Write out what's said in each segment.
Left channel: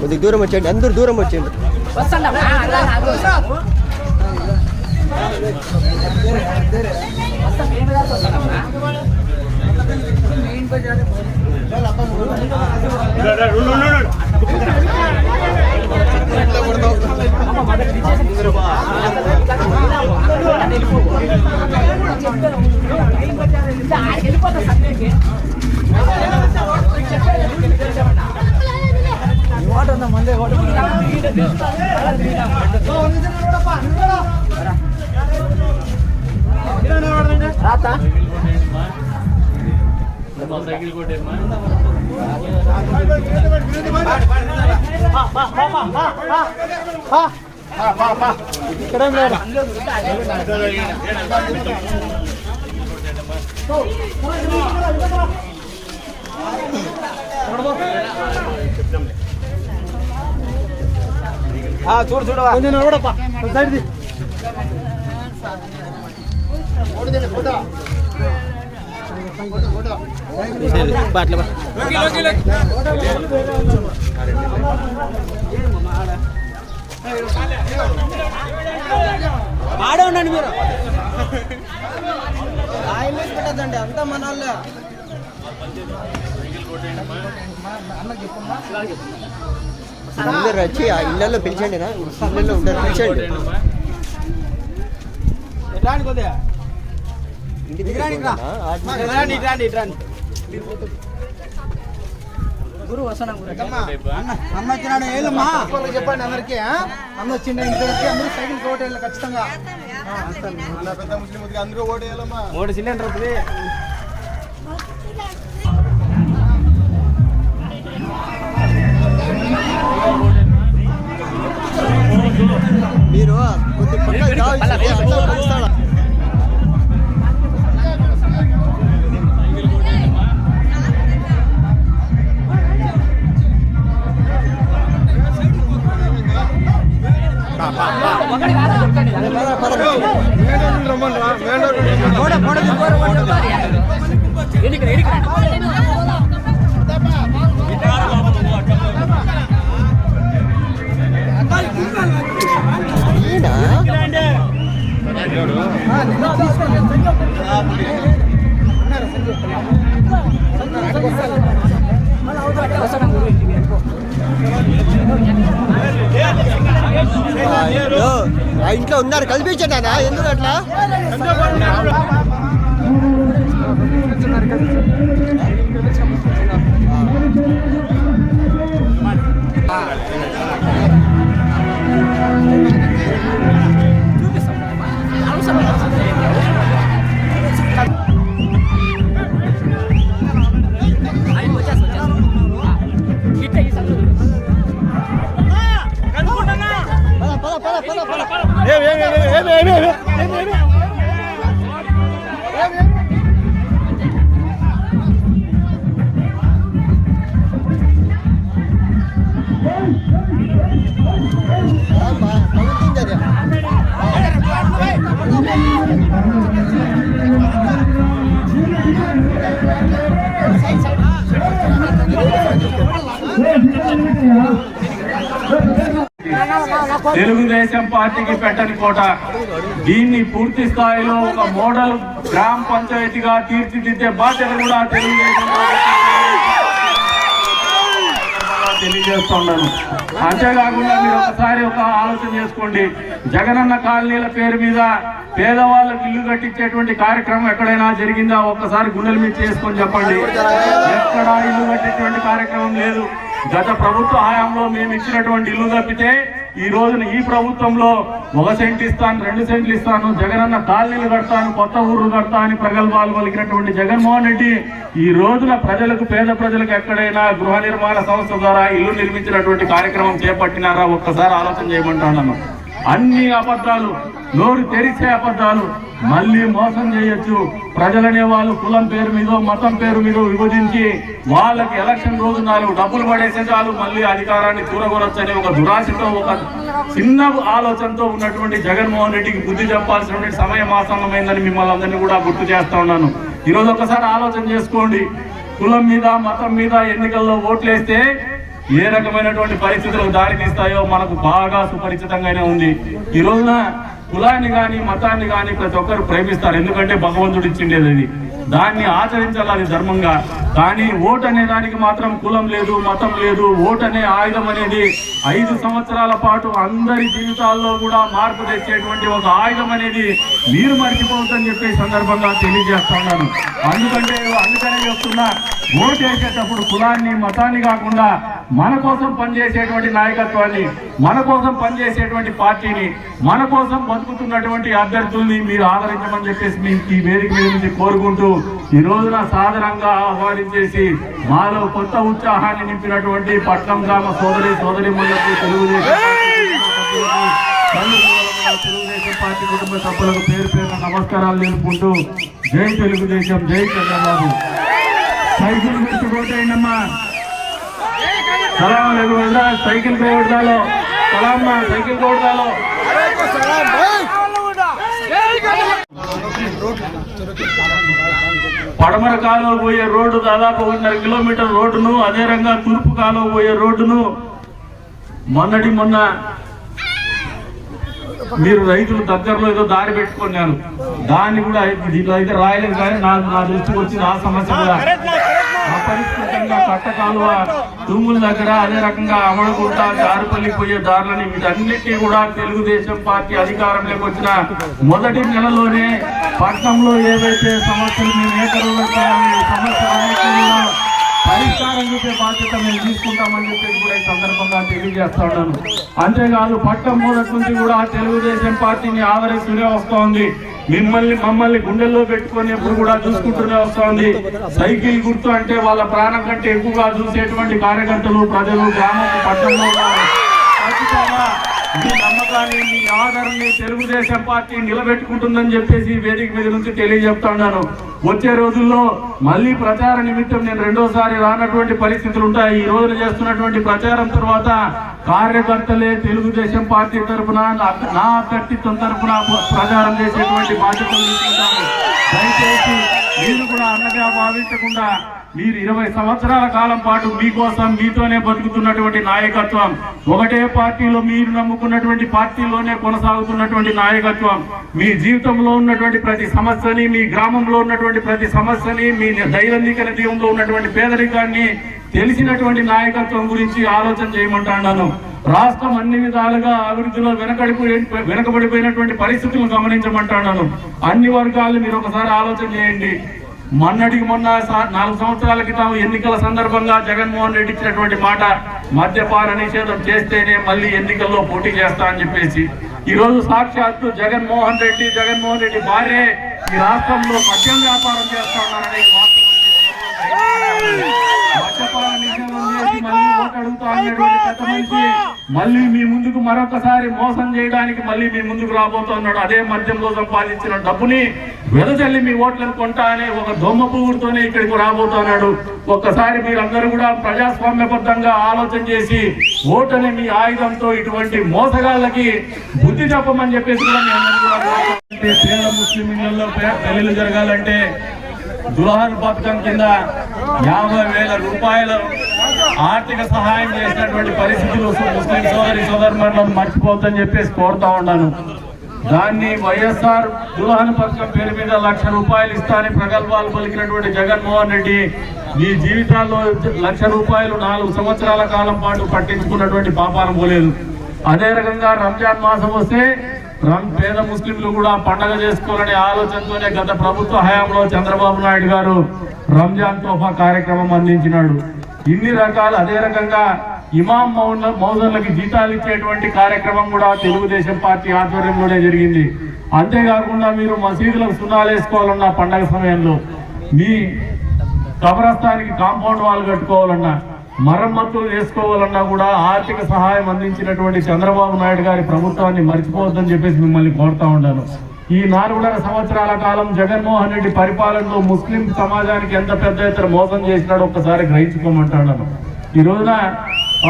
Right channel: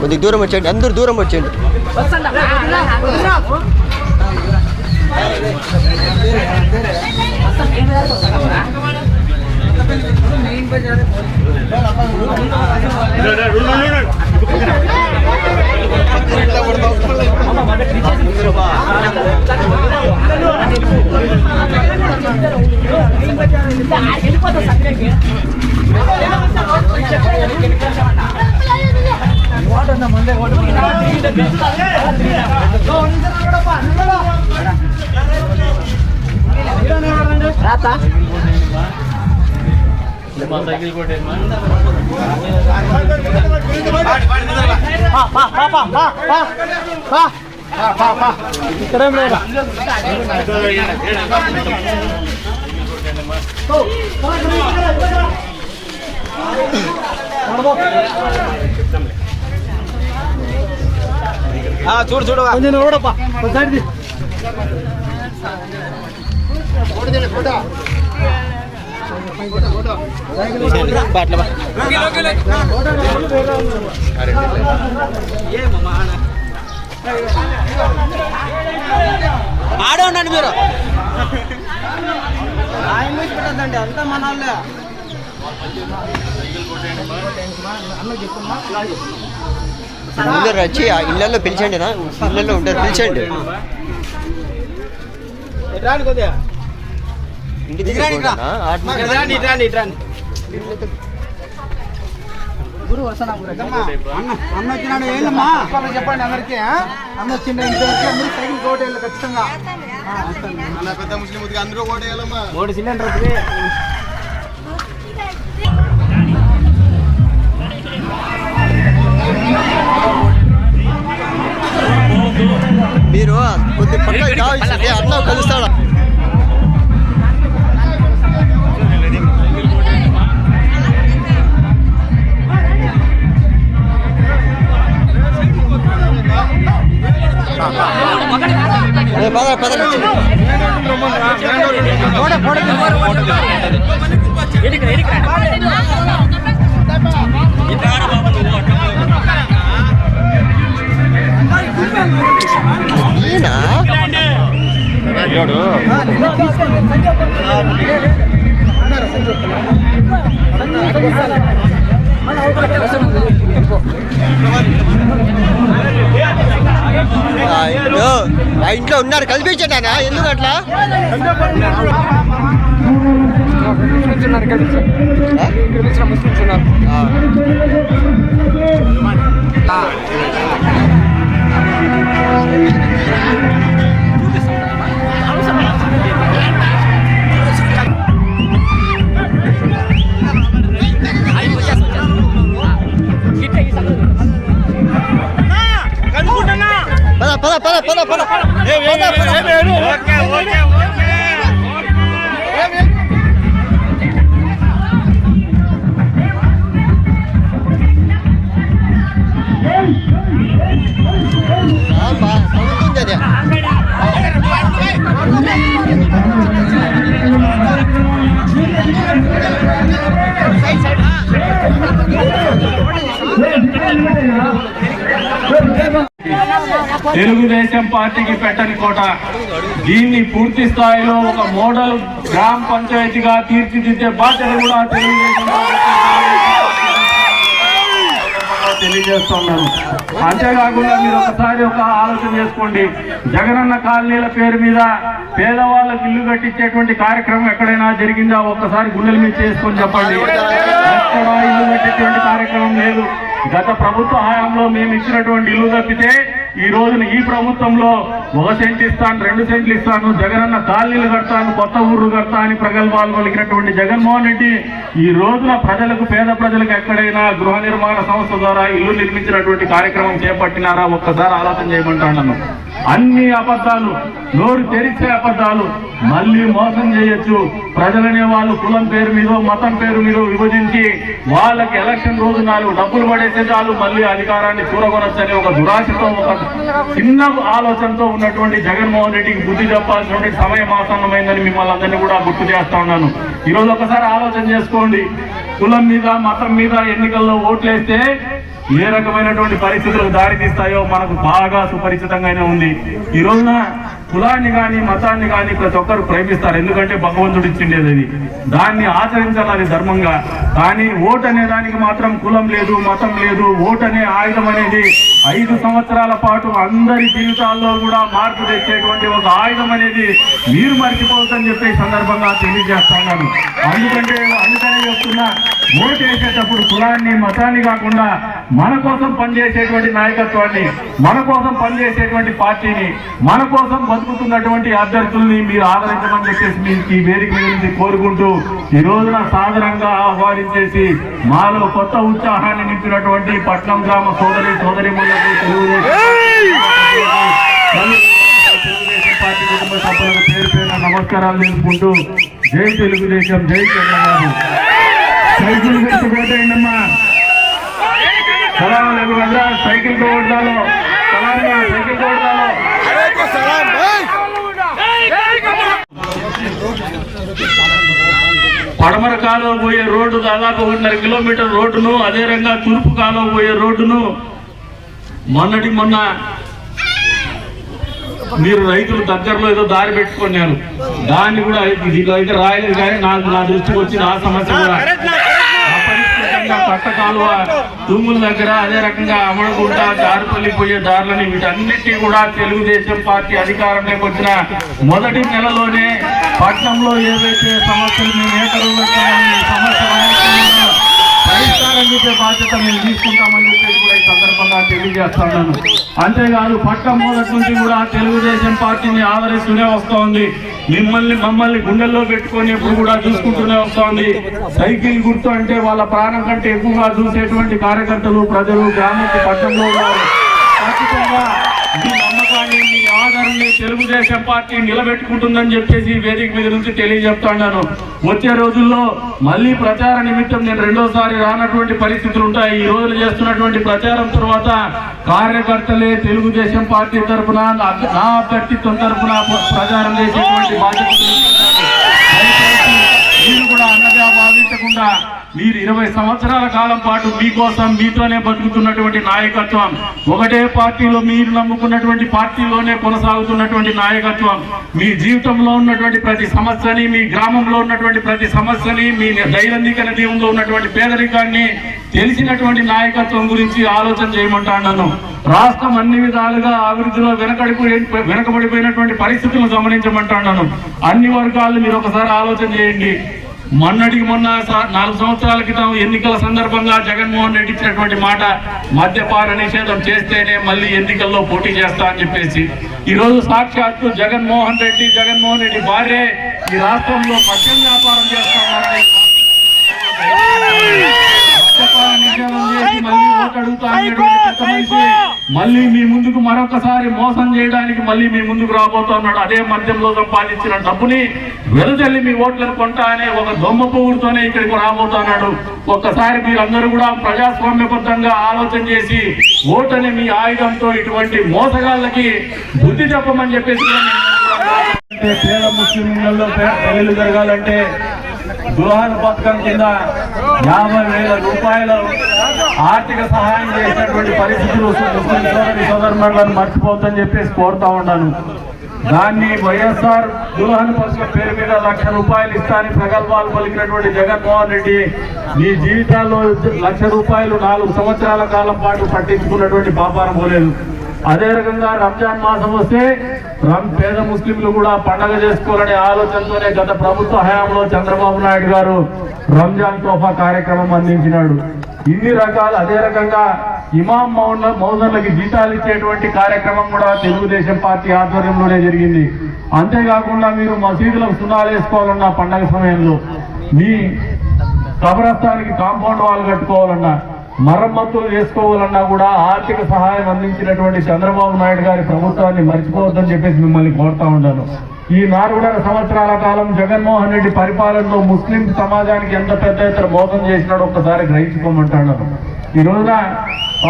కొద్దిగా దూరం వచ్చేయండి, అందరూ దూరం వచ్చేయండి. చూడు చూడవా ఆడే ఉండండి మీరు. పెట్టద్దండి అంతా మన వాళ్ళే. అందరు వచ్చి ఆ ఇళ్ళల్లో పిలిచండి, ఇళ్ళల్లో ఉంటారు, పిలిచండి. ఇంటి దగ్గర అన్న వచ్చినాడు ఏదమ్మా చెప్పండి అందరికీ. అన్న వచ్చిండ ఇంటికి అందరూ సైకిల్ కోటేయాలి ఖచ్చితంగా. పెద్ద ముస్లిం అందరూ కోటేయాలమ్మా. 3 సిలిండర్ మీరు కొద్ది పక్క కావాల్సింది అన్న కలుస్తాడా. పద పద ఆ ఇంట్లో ఉన్నారు, కల్పించండి అన్న. ఎందుకు అట్లా? తెలుగుదేశం పార్టీకి పెట్టని కోట. దీన్ని పూర్తి స్థాయిలో ఒక మోడల్ గ్రామ పంచాయతీగా తీర్చిదిద్దే బాధ్యత కూడా తెలుగుదేశం తెలియజేస్తున్నాను. అంతేకాకుండా మీరు ఒకసారి ఒక ఆలోచన చేసుకోండి. జగనన్న కాలనీల పేరు మీద పేదవాళ్ళకి ఇల్లు కట్టించేటువంటి కార్యక్రమం ఎక్కడైనా జరిగిందా? ఒక్కసారి గుండెల మీద చేసుకొని చెప్పండి. ఎక్కడ ఇల్లు కట్టించేటువంటి కార్యక్రమం లేదు. గత ప్రభుత్వ హయాంలో మేము ఇచ్చినటువంటి ఇల్లు తప్పితే ఈ రోజున ఈ ప్రభుత్వంలో 1 సెంట్ ఇస్తాను, 2 సెంట్లు ఇస్తాను, జగనన్న కాలనీలు కడతాను, కొత్త ఊర్లు కడతా అని ప్రగల్భాలు పలికినటువంటి జగన్మోహన్ రెడ్డి ఈ రోజున ప్రజలకు, పేద ప్రజలకు ఎక్కడైనా గృహ నిర్మాణ సంస్థ ద్వారా ఇల్లు నిర్మించినటువంటి కార్యక్రమం చేపట్టినారా? ఒక్కసారి ఆలోచన చేయమంటాను. అన్ని అబద్ధాలు, నోరు తెరిచే అబద్ధాలు. మళ్ళీ మోసం చేయొచ్చు. ప్రజలనే వాళ్ళు కులం పేరు మీద, మతం పేరు మీద విభజించి వాళ్ళకి ఎలక్షన్ రోజు 4 డబ్బులు పడేసే చాలు మళ్ళీ అధికారాన్ని కూరగొనొచ్చని ఒక దురాశతో, ఒక చిన్న ఆలోచనతో ఉన్నటువంటి జగన్మోహన్ రెడ్డికి బుద్ధి చెప్పాల్సినటువంటి సమయం ఆసన్నమైందని మిమ్మల్ని అందరినీ కూడా గుర్తు చేస్తా ఉన్నాను. ఈరోజు ఒకసారి ఆలోచన చేసుకోండి. కులం మీద, మతం మీద ఎన్నికల్లో ఓట్లేస్తే ఏ రకమైనటువంటి పరిస్థితులకు దారితీస్తాయో మనకు బాగా సుపరిచితంగానే ఉంది. ఈ రోజున కులాన్ని కానీ మతాన్ని కానీ ప్రతి ఒక్కరు ప్రేమిస్తారు, ఎందుకంటే భగవంతుడు ఇచ్చిండేది అది, దాన్ని ఆచరించాలి, అది ధర్మంగా. కానీ ఓటు అనే దానికి మాత్రం కులం లేదు, మతం లేదు. ఓటు అనే ఆయుధం అనేది 5 సంవత్సరాల పాటు అందరి జీవితాల్లో కూడా మార్పు తెచ్చేటువంటి ఒక ఆయుధం అనేది మీరు మర్చిపోవద్దని చెప్పి సందర్భంగా తెలియజేస్తున్నాను. అందుకనే చెప్తున్నా, ఓటు వేసేటప్పుడు కులాన్ని మతాన్ని కాకుండా మన కోసం పనిచేసేటువంటి నాయకత్వాన్ని, మన కోసం పనిచేసేటువంటి పార్టీని, మన కోసం బతుకుతున్నటువంటి అభ్యర్థుల్ని మీరు ఆదరించమని చెప్పేసి మీకు ఈ వేదిక నుంచి కోరుకుంటూ ఈ రోజున సాధారణంగా ఆహ్వానించేసి మాలో కొత్త ఉత్సాహాన్ని నింపినటువంటి పట్నం గ్రామ సోదరిమణులకు తెలుగుదేశం పార్టీ కుటుంబ సభ్యులకు పేరు పేరున నమస్కారాలు తెలుపుకుంటూ జై తెలుగుదేశం, జై చంద్రబాబు. సైకిల్ గుర్తు కొట్టేయండమ్మా. సైకిల్ కోడదాలో సైకిల్ కోడదాలో పడమర కాలువ పోయే రోడ్డు దాదాపు 1.5 కిలోమీటర్ రోడ్డును, అదే రకంగా తూర్పు కాలువ పోయే రోడ్డును మొన్న మీరు రైతులు దగ్గరలో ఏదో దారి పెట్టుకున్నారు, దాన్ని కూడా దీంట్లో అయితే రాయలేదు. కానీ నా దృష్టికి వచ్చిన ఆ సమస్య కూడా అపరిష్కృతంగా కట్ట కాలువ తుంగుల దగ్గర, అదే రకంగా అమరగుంట చారుపల్లి పోయే దారులని వీటన్నిటినీ కూడా తెలుగుదేశం పార్టీ అధికారంలోకి వచ్చిన మొదటి నెలలోనే పట్నంలో ఏవైతే సమస్యలు పరిష్కారం చూపే బాధ్యత మేము తీసుకుంటామని చెప్పేసి కూడా ఈ సందర్భంగా తెలియజేస్తాను. అంతేకాదు పట్నం మొదటి నుంచి కూడా తెలుగుదేశం పార్టీని ఆదరిస్తూనే వస్తూ ఉంది. మమ్మల్ని గుండెల్లో పెట్టుకొని ఎప్పుడు కూడా చూసుకుంటూనే వస్తూ ఉంది. సైకిల్ గుర్తు అంటే వాళ్ళ ప్రాణం కంటే ఎక్కువగా చూసేటువంటి కార్యకర్తలు, ప్రజలు, గ్రామం, పట్టణంలో ఖచ్చితంగా మీ నమ్మకాన్ని, మీ ఆదరణని తెలుగుదేశం పార్టీ నిలబెట్టుకుంటుందని చెప్పేసి వేదిక మీద నుంచి తెలియజెప్తున్నాను. వచ్చే రోజుల్లో మళ్ళీ ప్రచార నిమిత్తం నేను రెండోసారి రానటువంటి పరిస్థితులు ఉంటాయి. ఈ రోజు చేస్తున్నటువంటి ప్రచారం తర్వాత కార్యకర్తలే తెలుగుదేశం పార్టీ తరఫున, నా అభ్యర్థిత్వం తరఫున ప్రచారం చేసేటువంటి బాధ్యతలు తీసుకుంటాను. దయచేసి మీరు కూడా అన్నగా భావించకుండా మీరు 20 సంవత్సరాల కాలం పాటు మీకోసం, మీతోనే బతుకుతున్నటువంటి నాయకత్వం, ఒకటే పార్టీలో మీరు నమ్ముకున్నటువంటి పార్టీలోనే కొనసాగుతున్నటువంటి నాయకత్వం, మీ జీవితంలో ఉన్నటువంటి ప్రతి సమస్యని, మీ గ్రామంలో ఉన్నటువంటి ప్రతి సమస్యని, మీ దైనందిక జీవనంలో ఉన్నటువంటి పేదరికాన్ని తెలిసినటువంటి నాయకత్వం గురించి ఆలోచన చేయమంటున్నాను. రాష్ట్రం అన్ని విధాలుగా అభివృద్ధిలో వెనకబడిపోయినటువంటి పరిస్థితులను గమనించమంటున్నాను. అన్ని వర్గాలు మీరు ఒకసారి ఆలోచన చేయండి. మొన్నటికి మొన్న 4 సంవత్సరాల క్రితం ఎన్నికల సందర్భంగా జగన్మోహన్ రెడ్డి ఇచ్చినటువంటి మాట, మద్యపాన నిషేధం చేస్తేనే మళ్ళీ ఎన్నికల్లో పోటీ చేస్తా అని చెప్పేసి, ఈ రోజు సాక్షాత్తు జగన్మోహన్ రెడ్డి భార్య ఈ రాష్ట్రంలో మద్యం వ్యాపారం చేస్తున్నారని మద్యపాన నిషేధం చేసి మళ్ళీ ఓటు అడుగుతా మళ్ళీ మీ ముందుకు మరొకసారి మోసం చేయడానికి మళ్ళీ మీ ముందుకు రాబోతున్నాడు. అదే మద్యంలో సంపాదించిన డబ్బుని వెదజల్లి మీ ఓట్లను కొంటా అనే ఒక దొమ్మ పువ్వుతోనే ఇక్కడికి రాబోతున్నాడు. ఒక్కసారి మీరందరూ కూడా ప్రజాస్వామ్యబద్ధంగా ఆలోచన చేసి ఓటని మీ ఆయుధంతో ఇటువంటి మోసగాళ్ళకి బుద్ధి చెప్పమని చెప్పేసి పేద ముస్లింలలో పెళ్లిళ్ళు జరగాలంటే దుల్హన్ పథకం కింద 50,000 రూపాయలు ఆర్థిక సహాయం చేసినటువంటి పరిస్థితులు ముస్లిం సోదరులను మర్చిపోద్దని చెప్పేసి కోరుతా ఉన్నాను. దాన్ని వైఎస్ఆర్ దుల్హన్ పథకం పేరు మీద 1,00,000 రూపాయలు ఇస్తానని ప్రగల్భాలు పలికినటువంటి జగన్మోహన్ రెడ్డి మీ జీవితాల్లో 1,00,000 రూపాయలు 4 సంవత్సరాల కాలం పాటు పట్టించుకున్నటువంటి పాపాన పోలేదు. అదే రకంగా రంజాన్ మాసం వస్తే పేద ముస్లింలు కూడా పండగ చేసుకోవాలనే ఆలోచనతోనే గత ప్రభుత్వ హయాంలో చంద్రబాబు నాయుడు గారు రంజాన్ తోఫా కార్యక్రమం అందించినాడు. ఇన్ని రకాలు. అదే రకంగా ఇమాం మౌజర్లకి జీతాలు ఇచ్చేటువంటి కార్యక్రమం కూడా తెలుగుదేశం పార్టీ ఆధ్వర్యంలోనే జరిగింది. అంతేకాకుండా మీరు మసీదులకు సున్నాలు వేసుకోవాలన్నా, పండగ సమయంలో మీ కబరస్థానికి కాంపౌండ్ వాళ్ళు కట్టుకోవాలన్నా, మరమ్మతులు చేసుకోవాలన్నా కూడా ఆర్థిక సహాయం అందించినటువంటి చంద్రబాబు నాయుడు గారి ప్రభుత్వాన్ని మర్చిపోవద్దని చెప్పేసి మిమ్మల్ని కోరుతా ఉన్నాను. ఈ 4.5 సంవత్సరాల కాలం జగన్మోహన్ రెడ్డి పరిపాలనలో ముస్లిం సమాజానికి ఎంత పెద్ద ఎత్తున మోసం చేసినాడో ఒక్కసారి గ్రహించుకోమంటున్నాను. ఈ రోజున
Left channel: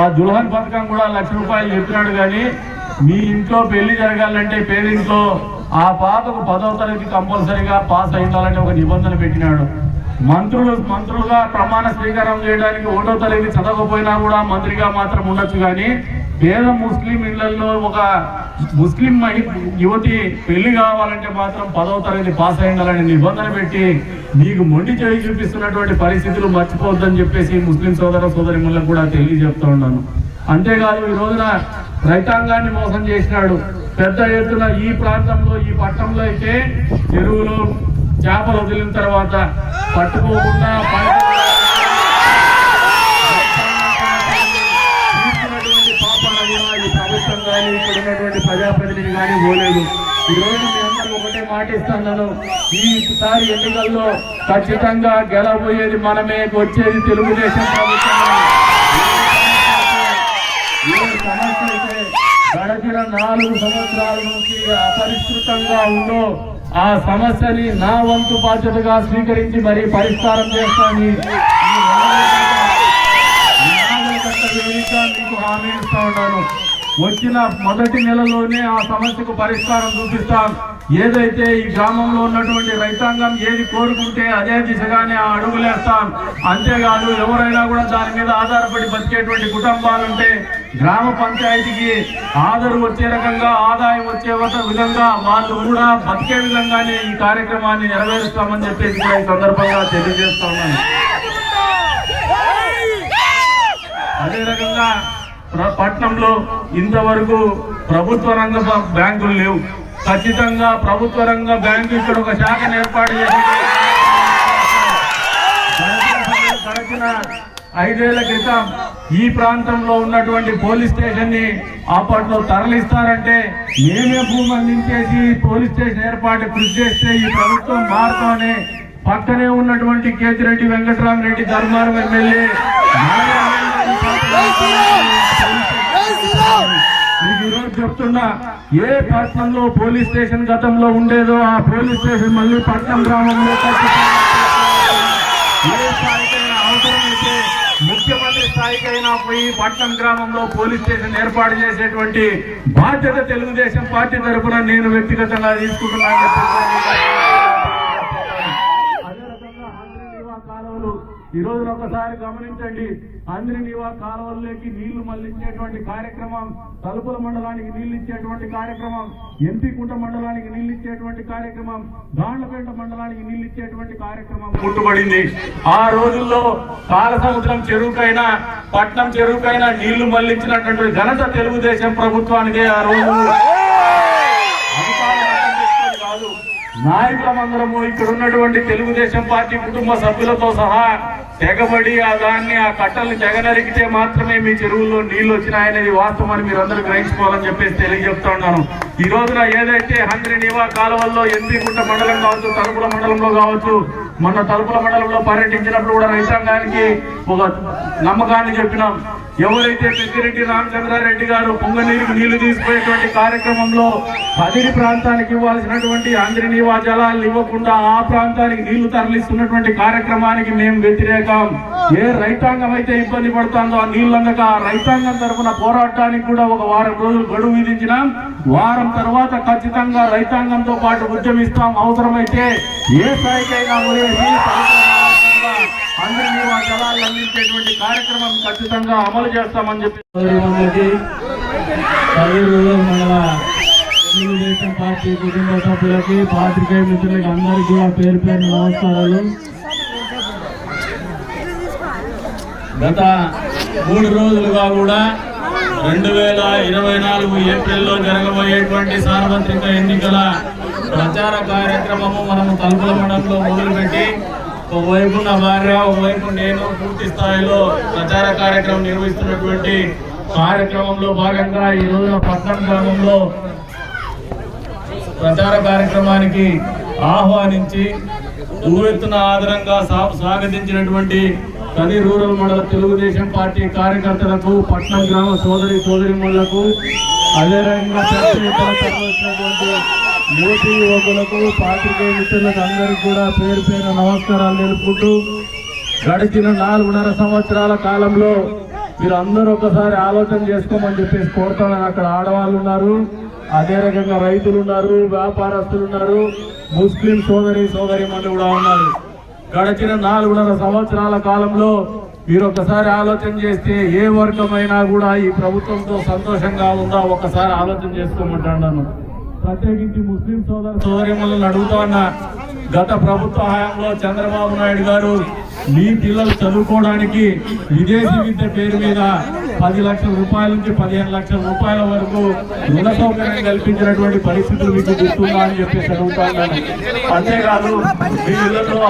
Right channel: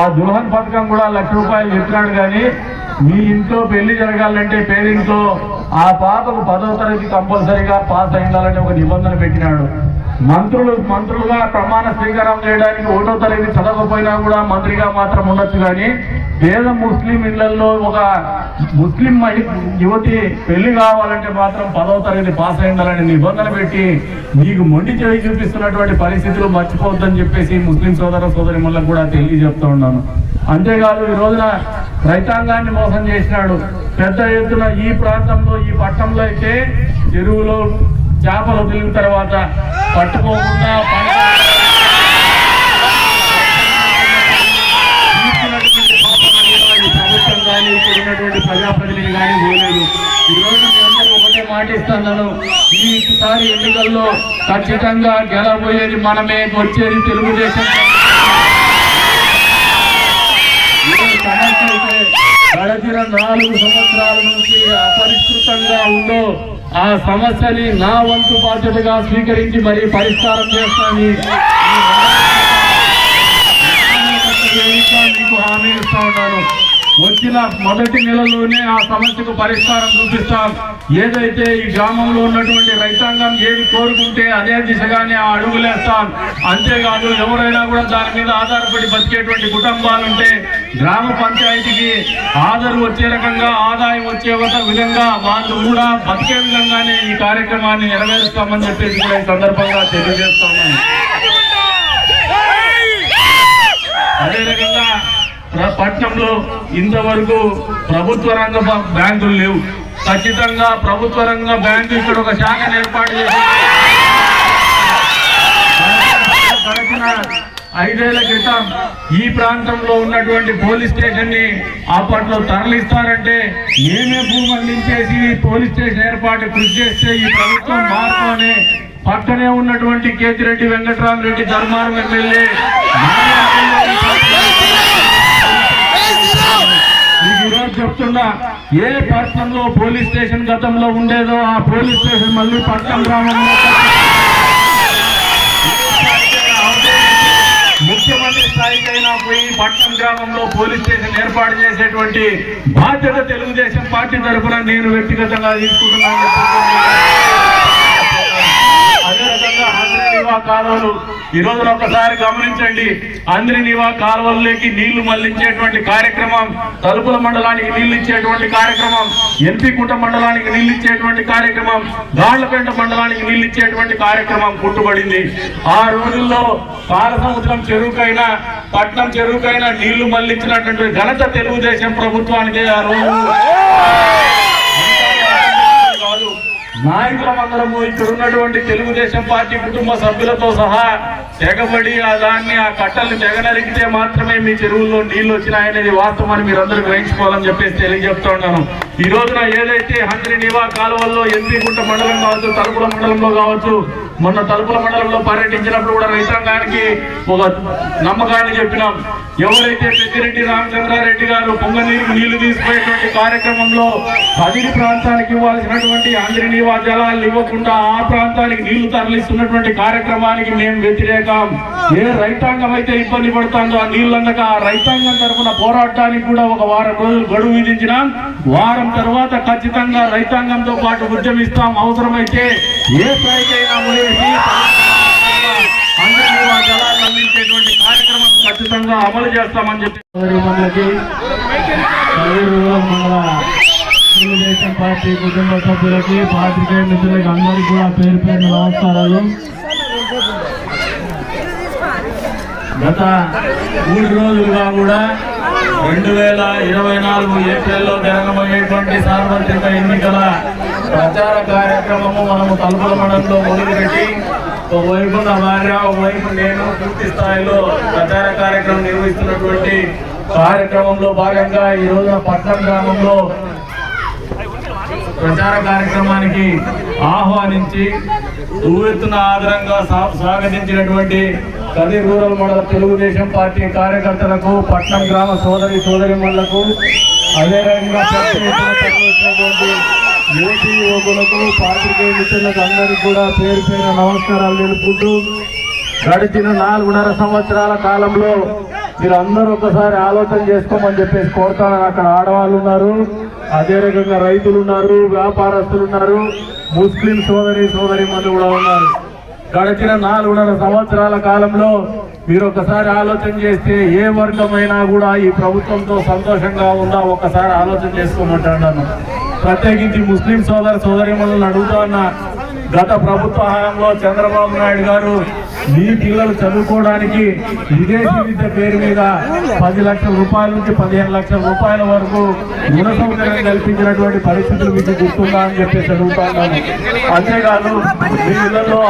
ఆ దుల్హన్ పథకం కూడా 1,00,000 రూపాయలు చెప్పినాడు. కానీ మీ ఇంట్లో పెళ్లి జరగాలంటే పేరింట్లో ఆ పాపకు 10వ తరగతి కంపల్సరీగా పాస్ అయిండాలని ఒక నిబంధన పెట్టినాడు. మంత్రులుగా ప్రమాణ స్వీకారం చేయడానికి 1వ తరగతి చదవకపోయినా కూడా మంత్రిగా మాత్రం ఉండొచ్చు. కానీ పేద ముస్లిం ఇళ్లలో ఒక ముస్లిం యువతి పెళ్లి కావాలంటే మాత్రం 10వ తరగతి పాస్ అయి ఉండాలని నిబంధన పెట్టి మీకు మొండి చేయి చూపిస్తున్నటువంటి పరిస్థితులు మర్చిపోవద్దని చెప్పేసి ముస్లిం సోదరిమణులకు కూడా తెలియజెప్తూ ఉన్నాను. అంతేకాదు ఈ రోజున రైతాంగాన్ని మోసం చేసినాడు. పెద్ద ఎత్తున ఈ ప్రాంతంలో ఈ పట్టణంలో అయితే చెరువులో చేపలు వదిలిన తర్వాత పట్టుకోకుండా ప్రభుత్వం కానీ ఇక్కడ ఉన్నటువంటి ప్రజాప్రతినిధి కానీ పోలేదు. ఈ రోజు మీ అందరూ ఒకటే మాటిస్తున్నాను, ఈసారి ఎన్నికల్లో ఖచ్చితంగా గెలబోయేది మనమే, వచ్చేది తెలుగుదేశం. గడిచిన 4 సంవత్సరాల నుంచి అపరిష్కృతంగా ఉందో ఆ సమస్యని నా వంతు బాధ్యతగా స్వీకరించి మరీ పరిష్కారం చేస్తాను. మీకు హామీ ఇస్తా ఉన్నాను. వచ్చిన మొదటి నెలలోనే ఆ సమస్యకు పరిష్కారం చూపిస్తాం. ఏదైతే ఈ గ్రామంలో ఉన్నటువంటి రైతాంగం ఏది కోరుకుంటే అదే దిశగానే ఆ అడుగులేస్తాం. అంతేకాదు ఎవరైనా కూడా దాని మీద ఆధారపడి బతికేటువంటి కుటుంబాలుంటే గ్రామ పంచాయతీకి ఆదరు వచ్చే రకంగా, ఆదాయం వచ్చే విధంగా వాళ్ళు కూడా బతికే విధంగానే ఈ కార్యక్రమాన్ని నెరవేరుస్తామని చెప్పేసి కూడా ఈ సందర్భంగా తెలియజేస్తా ఉన్నాను. అదే రకంగా పట్టణంలో ఇంతవరకు ప్రభుత్వ రంగ బ్యాంకులు లేవు. ఖచ్చితంగా ప్రభుత్వ రంగ బ్యాంకు ఇక్కడ ఒక శాఖను ఏర్పాటు చేసి గడిచిన 5 ఏళ్ల క్రితం ఈ ప్రాంతంలో ఉన్నటువంటి పోలీస్ స్టేషన్ ని అప్పట్లో తరలిస్తారంటే మేమే భూమి అందించేసి పోలీస్ స్టేషన్ ఏర్పాటు కృషి చేస్తే ఈ ప్రభుత్వం మారుతోనే పక్కనే ఉన్నటువంటి కేతిరెడ్డి వెంకటరామరెడ్డి ధర్మారం ఎమ్మెల్యే మీకు ఈరోజు చెప్తున్నా, ఏ పట్టణంలో పోలీస్ స్టేషన్ గతంలో ఉండేదో ఆ పోలీస్ స్టేషన్ మళ్ళీ పట్టణం గ్రామంలో ముఖ్యమంత్రి స్థాయికైనా పోయి పట్టణం గ్రామంలో పోలీస్ స్టేషన్ ఏర్పాటు చేసేటువంటి బాధ్యత తెలుగుదేశం పార్టీ తరఫున నేను వ్యక్తిగతంగా తీసుకుంటున్నాను. అదే రకంగా అంద్రినివా కాలువలు ఈ రోజున ఒకసారి గమనించండి. అంద్రినివా కాలువల్లోకి నీళ్లు మళ్లించేటువంటి కార్యక్రమం, తలుపుల మండలానికి నీళ్లు ఇచ్చేటువంటి కార్యక్రమం, ఎంపీకుంట మండలానికి నీళ్లు ఇచ్చేటువంటి కార్యక్రమం, గాళ్లపేట మండలానికి నీళ్లు ఇచ్చేటువంటి కార్యక్రమం కుట్టుబడింది. ఆ రోజుల్లో పాలసముద్రం చెరువుకైనా పట్నం చెరువుకైనా నీళ్లు మళ్లించినటువంటి ఘనత తెలుగుదేశం ప్రభుత్వానికి ఆ రోజు కాదు. నాయకులందరము ఇక్కడ ఉన్నటువంటి తెలుగుదేశం పార్టీ కుటుంబ సభ్యులతో సహా తెగబడి ఆ కట్టలు తెగనరికితే మాత్రమే మీ చెరువుల్లో నీళ్లు వచ్చినాయనేది వాస్తవాన్ని మీరు అందరూ గ్రహించుకోవాలని చెప్పేసి తెలియజెప్తున్నాను. ఈ రోజున ఏదైతే అంద్రినివా కాలువల్లో ఎంపీకుంట మండలం కావచ్చు, తలుపుల మండలంలో కావచ్చు, మొన్న తలుపుల మండలంలో పర్యటించినప్పుడు కూడా రైతాంగానికి ఒక నమ్మకాన్ని చెప్పినాం. ఎవరైతే పెద్దిరెడ్డి రామచంద్రారెడ్డి గారు పొంగనీరుకు నీళ్లు తీసుకునేటువంటి కార్యక్రమంలో అదిరి ప్రాంతానికి ఇవ్వాల్సినటువంటి అంద్రినివా జలాలు ఇవ్వకుండా ఆ ప్రాంతానికి నీళ్లు తరలిస్తున్నటువంటి కార్యక్రమానికి మేము వ్యతిరేకం. ఏ రైతాంగం అయితే ఇబ్బంది పడుతుందో ఆ నీళ్ళందక ఆ రైతాంగం తరఫున పోరాటానికి కూడా ఒక వారం రోజులు గడువు విధించినాం. వారం తర్వాత ఖచ్చితంగా రైతాంగంతో పాటు ఉద్యమిస్తాం. అవసరమైతే ఏ స్థాయికైనా అంద్రినివా జలాలు అందించేటువంటి కార్యక్రమం ఖచ్చితంగా అమలు చేస్తామని చెప్పి తెలుగుదేశం పార్టీ కుటుంబ సభ్యులకి, పాత్రికేయ మిత్రులకి అందరికీ కూడా పేరు పేరు నమస్కారాలు. గత 3 రోజులుగా కూడా 2024 ఏప్రిల్లో జరగబోయేటువంటి సార్వత్రిక ఎన్నికల ప్రచార కార్యక్రమము మనము తలుపుల మండలంలో మొదలుపెట్టి ఒకవైపు నా భార్య, ఒకవైపు నేను పూర్తి స్థాయిలో ప్రచార కార్యక్రమం నిర్వహిస్తున్నటువంటి కార్యక్రమంలో భాగంగా ఈ రోజు పట్నం గ్రామంలో ప్రచార కార్యక్రమానికి ఆహ్వానించి ఉవ్వెత్తున ఆదరంగా స్వాగతించినటువంటి కది రూరల్ మండల తెలుగుదేశం పార్టీ కార్యకర్తలకు, పట్నం గ్రామ సోదరిమణులకు, అదే రకంగా వచ్చినటువంటి యువతీ యువకులకు, పాత్రికేయ మిత్రులకు అందరికీ కూడా పేరు పేరు నమస్కారాలు తెలుపుకుంటూ, గడిచిన 4.5 సంవత్సరాల కాలంలో మీరు అందరూ ఒకసారి ఆలోచన చేసుకోమని చెప్పేసి కోరుతాను. అక్కడ ఆడవాళ్ళు ఉన్నారు, అదే రకంగా రైతులు ఉన్నారు, వ్యాపారస్తులు ఉన్నారు, ముస్లిం సోదరిమణులు కూడా ఉన్నారు. గడిచిన 4.5 సంవత్సరాల కాలంలో మీరు ఒకసారి ఆలోచన చేస్తే ఏ వర్గమైనా కూడా ఈ ప్రభుత్వంతో సంతోషంగా ఉందా ఒకసారి ఆలోచన చేసుకోమంటాను. ప్రత్యేకించి ముస్లిం సోదరిమణులను అడుగుతా ఉన్నా, గత ప్రభుత్వ హయాంలో చంద్రబాబు నాయుడు గారు మీ పిల్లలు చదువుకోవడానికి విదేశీ విద్య పేరు మీద 10 లక్షల రూపాయల నుంచి 15 లక్షల రూపాయల వరకు రుణ సౌకర్యం కల్పించినటువంటి పరిస్థితులు మీకు గుర్తుందా అని చెప్పేసి అడుగుతా ఉన్నాను. అంతేకాదు మీ ఇళ్లలో